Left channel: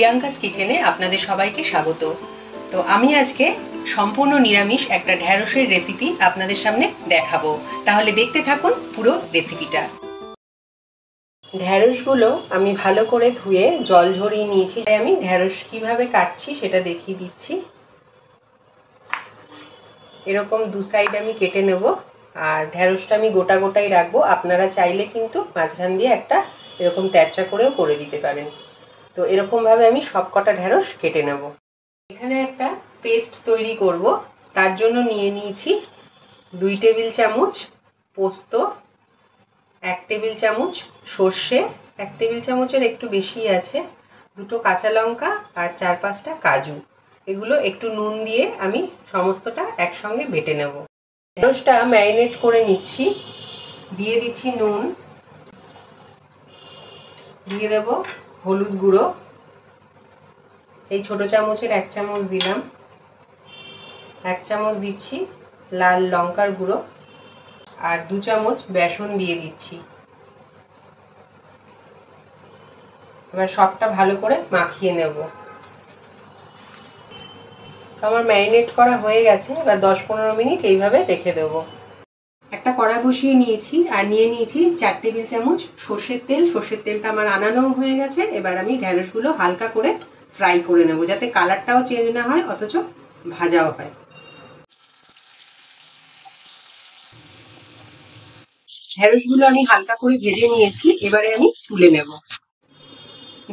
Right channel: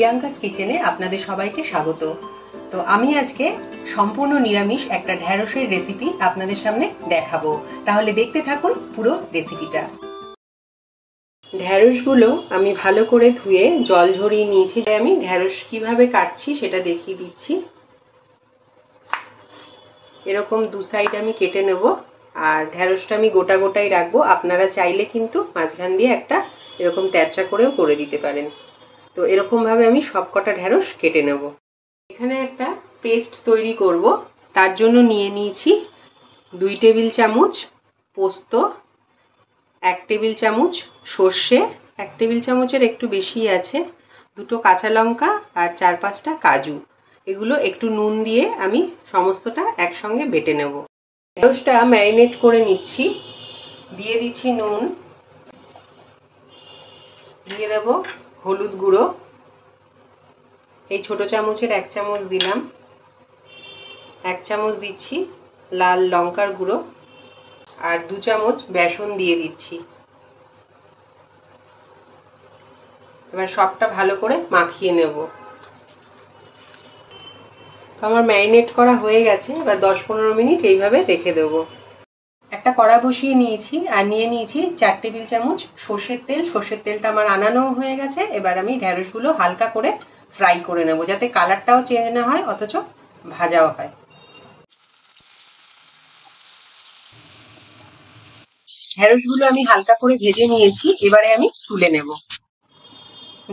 Priyanka's কিচেনে আপনাদের সবাইকে স্বাগত। তো আমি আজকে সম্পূর্ণ নিরামিষ একটা ঢ্যাঁড়সের রেসিপি আপনাদের সামনে দেখাবো, তাহলে দেখতে থাকুন পুরো রেসিপিটা। ঢ্যাঁড়সগুলো আমি ভালো করে ধুয়ে জল ঝরিয়ে নিয়েছি। আমি ঢ্যাঁড়স কিভাবে কাটছি সেটা দেখিয়ে দিচ্ছি। এরকম দু সাইড আমি কেটে নেব, আর ঢ্যাঁড়সটা আমি গোটা গোটাই রাখবো। আপনারা চাইলে কিন্তু মাঝখান দিয়ে একটা এরকম তেরচা করেও করে দিতে পারেন। তো এরকম ভাবে আমি সবকটা ঢ্যাঁড়স কেটে নেব। এখানে একটা পেস্ট তৈরি করব, তার জন্য নিয়ে নিয়েছি 2 টেবিল চামচ পোস্ত, 1 টেবিল চামচ সর্ষে, 1 টেবিল চামচের একটু বেশি আছে, 2টো কাঁচা লঙ্কা আর 4-5টা কাজু। এগুলো একটু নুন দিয়ে আমি সমস্তটা একসঙ্গে বেটে নেব। ঢ্যাঁড়সটা ম্যারিনেট করে নিচ্ছি। দিয়ে দিচ্ছি নুন, দিয়ে দেব হলুদ গুঁড়ো, এই ছোট চামচের 1 চামচ দিলাম। 1 চামচ দিচ্ছি লাল লঙ্কার গুঁড়ো, আর 2 চামচ বেসন দিয়ে দিচ্ছি। এবার সবটা ভালো করে মাখিয়ে নেব। তো আমার ম্যারিনেট করা হয়ে গেছে, এবার 10-15 মিনিট এইভাবে রেখে দেব। একটা কড়া বসিয়ে নিয়েছি, আর নিয়ে নিয়েছি 4 টেবিল চামচ সর্ষের তেল। সর্ষের তেলটা আমার আনানো হয়ে গেছে। এবার আমি ঢ্যাঁড়সগুলো হালকা করে ফ্রাই করে নেব, যাতে কালারটাও চেঞ্জ না হয় অথচ ভাজাও হয়। ঢ্যাঁড়সগুলো আমি হালকা করে ভেজে নিয়েছি, এবারে আমি তুলে নেব।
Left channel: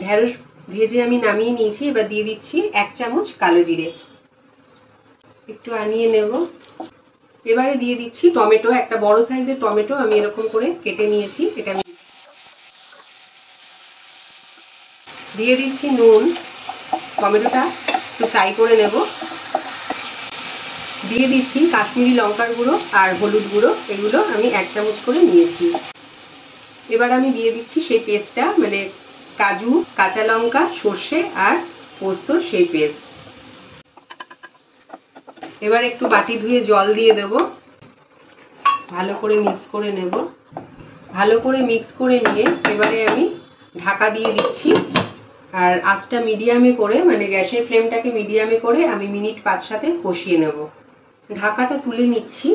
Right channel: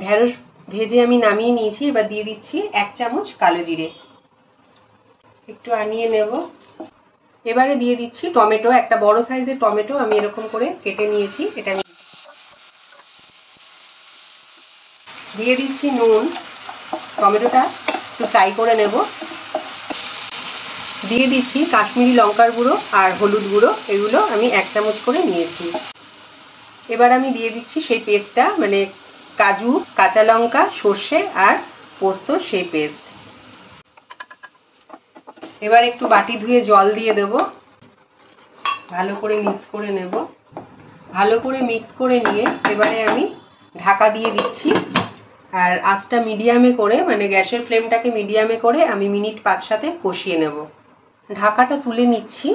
ঢ্যাঁড়স ভেজে আমি নামিয়ে নিয়েছি। এবার দিয়ে দিচ্ছি 1 চামচ কালো জিরে, একটু আনিয়ে নেব। এবারে দিয়ে দিচ্ছি টমেটো, একটা বড় সাইজের টমেটো আমি এরকম করে কেটে নিয়েছি, এটা আমি দিয়ে দিচ্ছি নুন। টমেটোটা একটু ফ্রাই করে নেব। দিয়ে দিচ্ছি কাশ্মীরি লঙ্কার গুঁড়ো আর হলুদ গুঁড়ো, এগুলো আমি 1 চামচ করে নিয়েছি। এবার আমি দিয়ে দিচ্ছি সেই পেস্টটা, মানে কাজু, কাঁচা লঙ্কা, সর্ষে আর পোস্ত, সেই পেস্ট। এবার একটু বাটি ধুয়ে জল দিয়ে দেব, ভালো করে মিক্স করে নেব। ভালো করে মিক্স করে নিয়ে এবারে আমি ঢাকা দিয়ে দিচ্ছি, আর আঁচটা মিডিয়ামে করে, মানে গ্যাসের ফ্লেমটাকে মিডিয়ামে করে আমি মিনিট 5-7 কষিয়ে নেব। ঢাকাটা তুলে নিচ্ছি।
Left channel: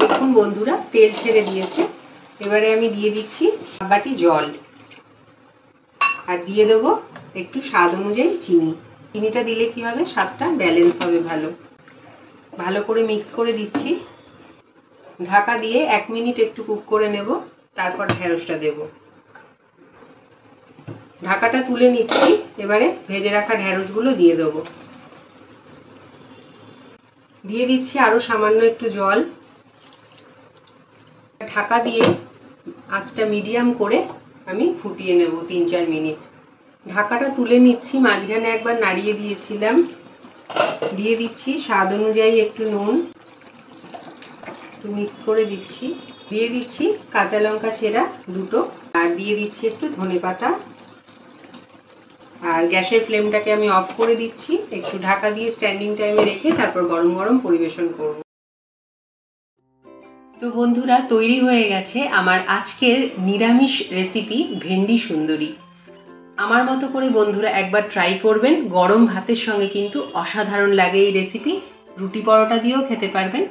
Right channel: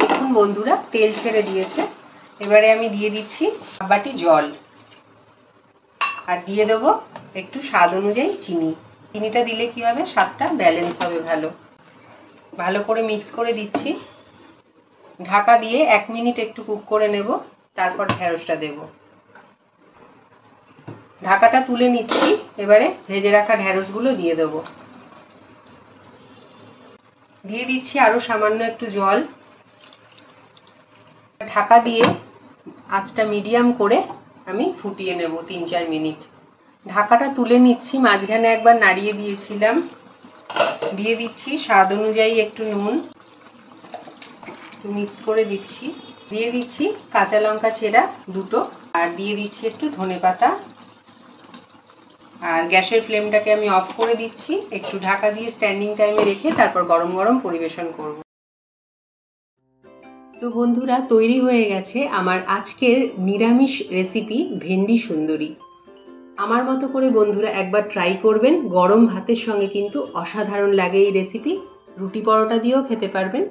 দেখুন বন্ধুরা, তেল ছেড়ে দিয়েছে। এবারে আমি দিয়ে দিচ্ছি বাটি জল, আর দিয়ে দেবো একটু স্বাদ অনুযায়ী চিনি। চিনিটা দিলে কি হবে, স্বাদটা ব্যালেন্স হবে ভালো। ভালো করে মিক্স করে দিচ্ছি। ঢাকা দিয়ে 1 মিনিট একটু কুক করে নেব, তারপর ঢ্যাঁড়সটা দেব। ঢাকাটা তুলে নিচ্ছি। এবারে ভেজে রাখা ঢ্যাঁড়সগুলো দিয়ে দেব। দিয়ে দিচ্ছি আরো সামান্য একটু জল। ঢাকা দিয়ে আঁচটা মিডিয়াম করে আমি ফুটিয়ে নেব 3-4 মিনিট। ঢাকাটা তুলে নিচ্ছি, মাঝখানে একবার নাড়িয়ে দিয়েছিলাম। দিয়ে দিচ্ছি স্বাদ অনুযায়ী একটু নুন, একটু মিক্স করে দিচ্ছি। দিয়ে দিচ্ছি কাঁচা লঙ্কা চেরা 2টো, আর দিয়ে দিচ্ছি একটু ধনেপাতা। আর গ্যাসের ফ্লেমটাকে আমি অফ করে দিচ্ছি। একটু ঢাকা দিয়ে স্ট্যান্ডিং টাইমে রেখে তারপর গরম গরম পরিবেশন করব। তো বন্ধুরা, তৈরি হয়ে গেছে আমার আজকের নিরামিষ রেসিপি ভেন্ডি সুন্দরী। আমার মতো করে বন্ধুরা একবার ট্রাই করবেন। গরম ভাতের সঙ্গে কিন্তু অসাধারণ লাগে এই রেসিপি। রুটি পরোটা দিয়েও খেতে পারবেন।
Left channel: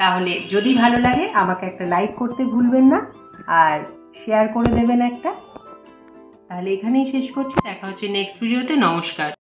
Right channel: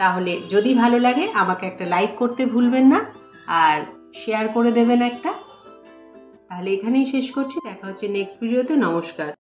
তাহলে যদি ভালো লাগে আমাকে একটা লাইক করতে ভুলবেন না, আর শেয়ার করে দেবেন একটা। তাহলে এখানেই শেষ করছি। দেখা হচ্ছে নেক্সট ভিডিওতে। নমস্কার।